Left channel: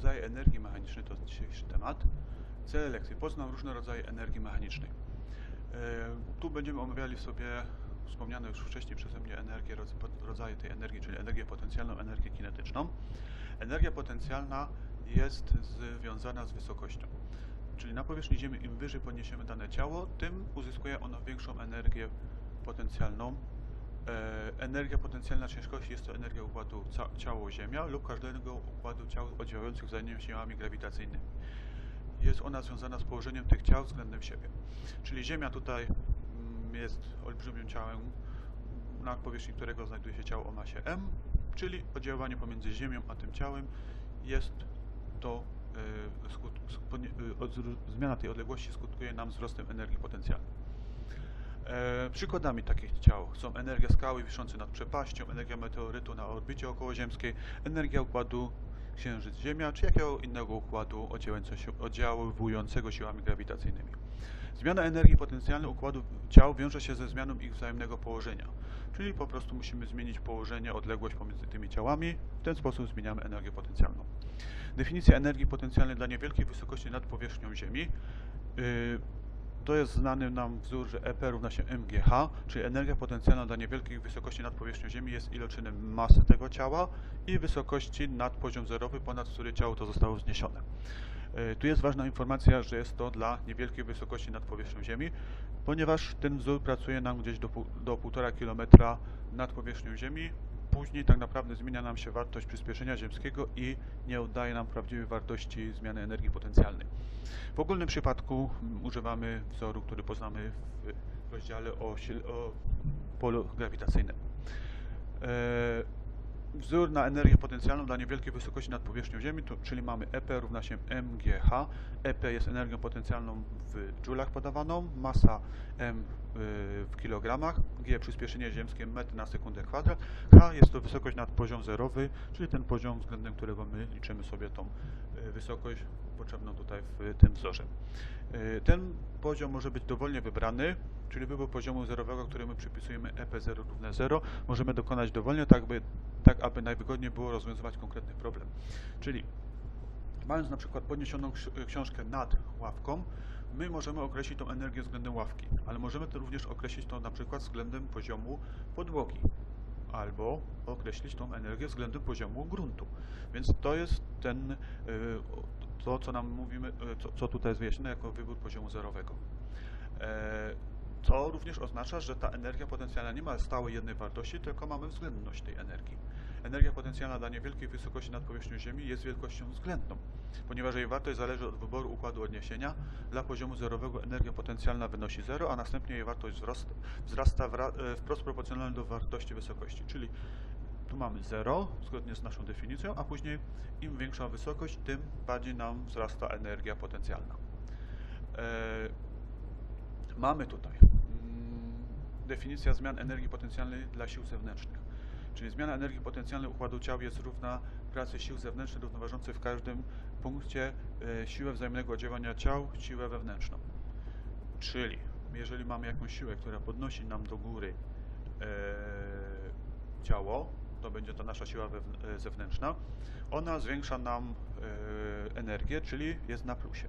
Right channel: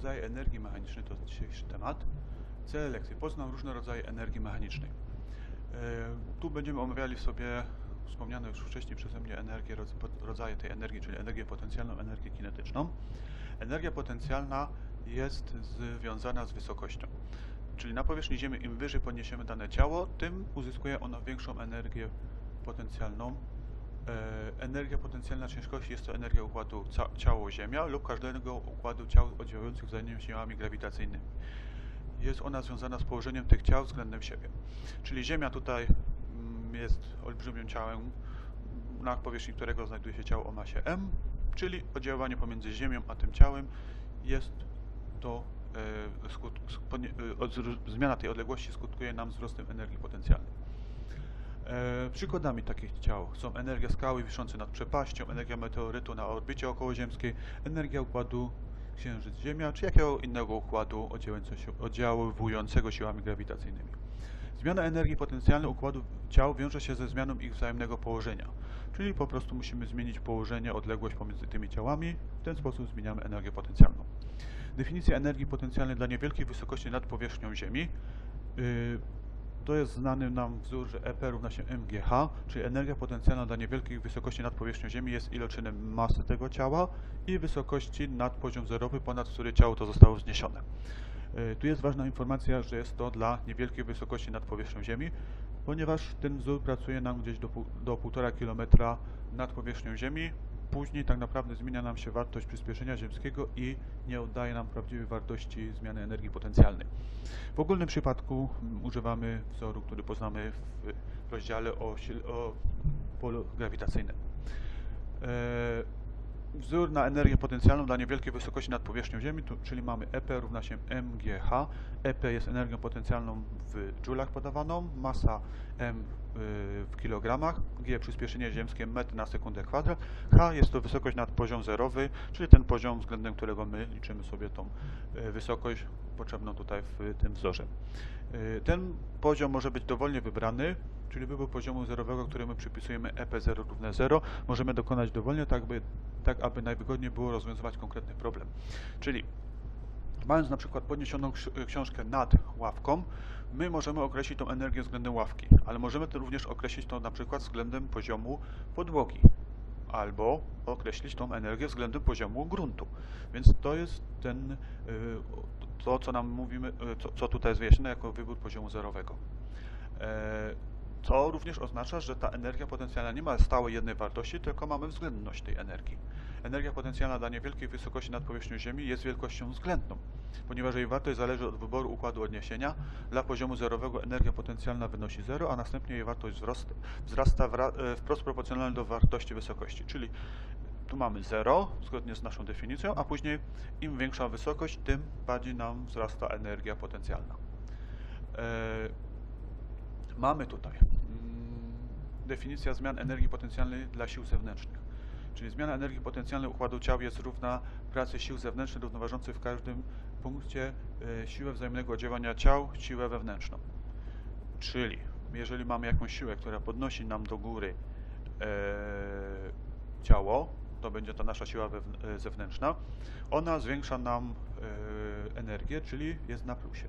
rodzaje energii mechanicznej to dzisiejszy temat. Cel lekcji. Poznam różne rodzaje energii mechanicznej. E, Tu będziemy omawiali sobie wspomniane już wcześniej przeze mnie energię, rodzaje tej energii, czyli energię potencjalną, energię kinetyczną. Energia potencjalna jest związana z wysokością. Czyli na powierzchni Ziemi im wyżej podniesiemy dane ciało, tym uzyskuje ono większą energię potencjalną. E, energia potencjalna ciężkości jest to energia układu ciało-Ziemia lub każdego układu ciał oddziałujących wzajemnie siłami grawitacyjnymi. Jest ona związana z położeniem tych ciał względem siebie. Czyli Ziemia tutaj mm, jest olbrzymim ciałem, na powierzchni którego znajduje się ciało o masie m, czyli oddziaływanie pomiędzy Ziemią a tym ciałem jest to e, skut, e, od, zmiana tej odległości skutkuje nam wzrostem energii potencjalnej. E, przykładami takich ciał są energia skały wiszącej nad przepaścią, energia meteorytu na orbicie okołoziemskiej, energia układu Księżyc-Ziemia, czy jakiego innego układu oddziaływującego siłami grawitacyjnymi. Zmiana energii potencjalnej układu ciał wiąże się ze zmianą ich wzajemnego położenia, czyli po prostu musimy zmienić położenie, odległość pomiędzy tymi ciałami, w ten sposób zmieniamy energię potencjalną. Definicja energii potencjalnej dla niewielkiej wysokości nad powierzchnią Ziemi. Yy, to jest znany nam wzór, że EP równa się mgh, czyli energia potencjalna dla niewielkiej wysokości nad powierzchnią Ziemi jest iloczynem masy tego ciała i wysokości nad poziom zerowy, ponad który ciało to zostało wzniesione. E, Tu jest ważna informacja, że jest to dla niewielkiej wysokości nad powierzchnią Ziemi, ponieważ ten wzór pracuje nam gdzieś do, do 1,5 km nad powierzchnią Ziemi. Później tak naprawdę zmienia nam się wartość przyspieszenia ziemskiego i nie oddaje nam prawdziwej wartości zmiany energii potencjalnej. W ogólnym przypadku używamy wzoru, który poznamy w rozdziale o, o polu grawitacyjnym. E, Wzór na energię potencjalną dla niewielkiej wysokości nad powierzchnią Ziemi, to, czyli mamy EP równa się mgh. EP jest energią potencjalną w dżulach podawaną, masa m w kilogramach, g przyspieszenie ziemskie metr na sekundę kwadrat, h jest to wysokość nad poziom zerowy, czyli ten poziom względem którego my liczymy sobie tą y, wysokość potrzebną tutaj w tym wzorze. Y, Ten poziom może być dowolnie wybrany, czyli wybór poziomu zerowego, który my przypisujemy EP0 równe 0, możemy dokonać dowolnie, tak aby, tak aby najwygodniej było rozwiązywać konkretny problem. Czyli mając na przykład podniesioną ksi- książkę nad ławką, my możemy określić tą energię względem ławki, ale możemy to również określić to na przykład względem poziomu podłogi albo określić tą energię względem poziomu gruntu. Więc to jest ten, y, to co nam mówimy, y, co, co tutaj jest wyjaśnione jako wybór poziomu zerowego. To również oznacza, że ta energia potencjalna nie ma stałej jednej wartości, tylko mamy względność tej energii. Energia potencjalna dla niewielkiej wysokości nad powierzchnią Ziemi jest wielkością względną, ponieważ jej wartość zależy od wyboru układu odniesienia. Dla poziomu zerowego energia potencjalna wynosi 0, a następnie jej wartość wzrasta e, wprost proporcjonalnie do wartości wysokości, czyli tu mamy 0, zgodnie z naszą definicją, a później im większa wysokość, tym bardziej nam wzrasta energia potencjalna. E, Mamy tutaj mm, definicja zmian energii potencjalnej dla sił zewnętrznych. Czyli zmiana energii potencjalnej układu ciał jest równa pracy sił zewnętrznych równoważących w każdym punkcie e, siłę wzajemnego oddziaływania ciał, siłę wewnętrzną. Czyli jeżeli mamy jakąś siłę, która podnosi nam do góry e, ciało, to będzie to nasza siła e, zewnętrzna, ona zwiększa nam e, energię, czyli jest na plusie.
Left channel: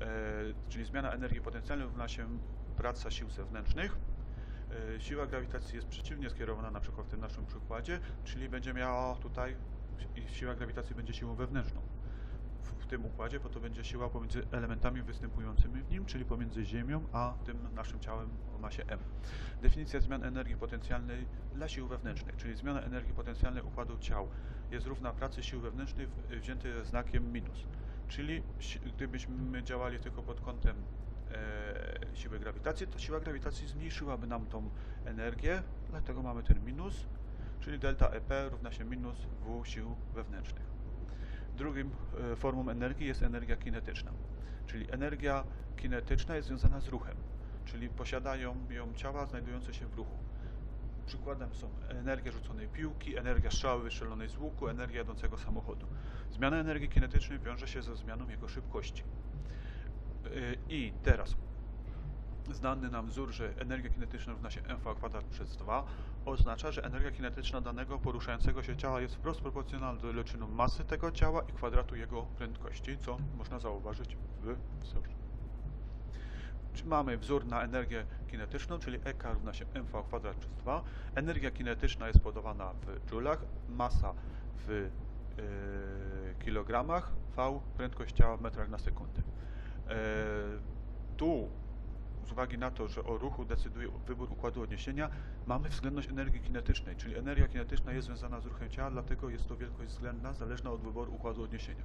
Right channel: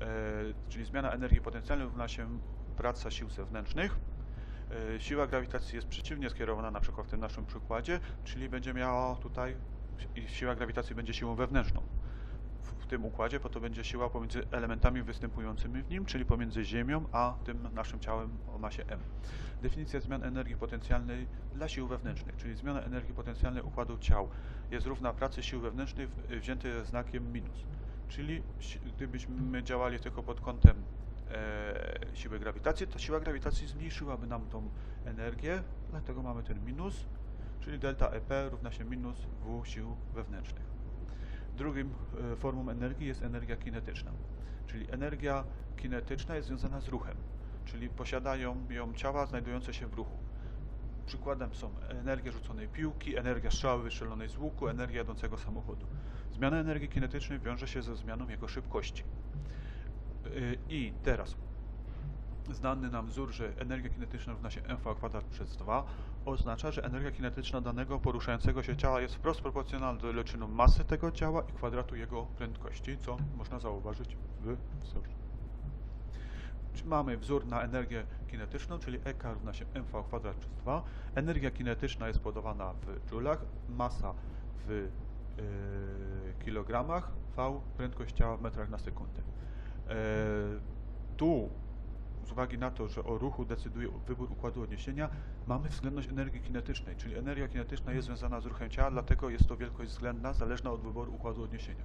E, czyli zmiana energii potencjalnej równa się praca sił zewnętrznych. E, siła grawitacji jest przeciwnie skierowana na przykład w tym naszym przykładzie, czyli będzie miała tutaj, siła grawitacji będzie siłą wewnętrzną. W, tym układzie, bo to będzie siła pomiędzy elementami występującymi w nim, czyli pomiędzy Ziemią a tym naszym ciałem o masie m. Definicja zmian energii potencjalnej dla sił wewnętrznych, czyli zmiana energii potencjalnej układu ciał jest równa pracy sił wewnętrznych wziętej znakiem minus. Czyli gdybyśmy działali tylko pod kątem e, siły grawitacji, to siła grawitacji zmniejszyłaby nam tą energię, dlatego mamy ten minus, czyli delta EP równa się minus W sił wewnętrznych. Drugim e, formą energii jest energia kinetyczna, czyli energia kinetyczna jest związana z ruchem, czyli posiadają ją ciała znajdujące się w ruchu. Przykładem są energia rzuconej piłki, energia strzały wystrzelonej z łuku, energia jadącego samochodu. Zmiana energii kinetycznej wiąże się ze zmianą jego szybkości. Yy, I teraz znany nam wzór, że energia kinetyczna równa się mv kwadrat przez 2 oznacza, że energia kinetyczna danego poruszającego się ciała jest wprost proporcjonalna do iloczynu masy tego ciała i kwadratu jego prędkości, co można zauważyć w wzorze. Mamy wzór na energię kinetyczną, czyli EK równa się mv kwadrat przez 2. Energia kinetyczna jest podawana w joulach, masa w e, kilogramach, V prędkość ciała w metrach na sekundę. E, tu z uwagi na to, że o ruchu decyduje wybór układu odniesienia, mamy względność energii kinetycznej, czyli energia kinetyczna jest związana z ruchem ciała, dlatego jest to wielkość względna, zależna od wyboru układu odniesienia.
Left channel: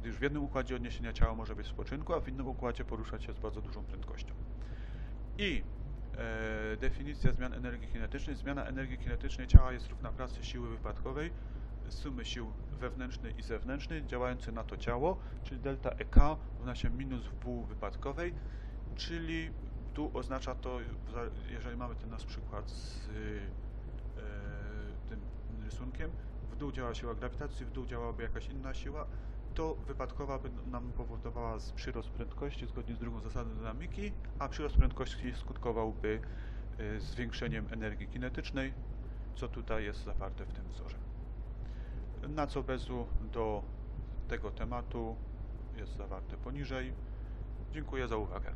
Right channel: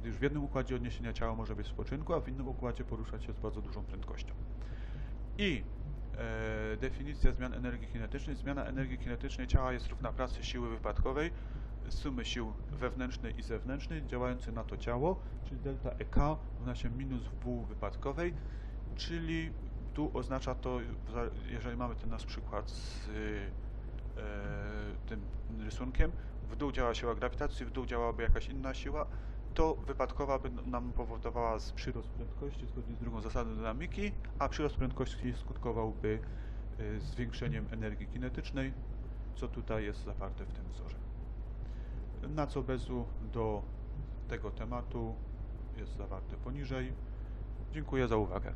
Gdyż w jednym układzie odniesienia ciała może być w spoczynku, a w innym układzie poruszać się z bardzo dużą prędkością. I e, definicja zmian energii kinetycznej. Zmiana energii kinetycznej ciała jest równa pracy siły wypadkowej, sumy sił wewnętrznej i zewnętrznej działającej na to ciało, czyli delta EK równa się minus W wypadkowej, czyli tu oznacza to, jeżeli mamy ten nasz przykład z e, tym rysunkiem, w dół działa siła grawitacji, w dół działałaby jakaś inna siła, to wypadkowa by nam powodowała z przyrost prędkości zgodnie z drugą zasadą dynamiki, a przyrost prędkości skutkowałby e, zwiększeniem energii kinetycznej, co tutaj jest zawarte w tym wzorze. Na co bezu do tego tematu jest zawarte poniżej. Dziękuję za uwagę.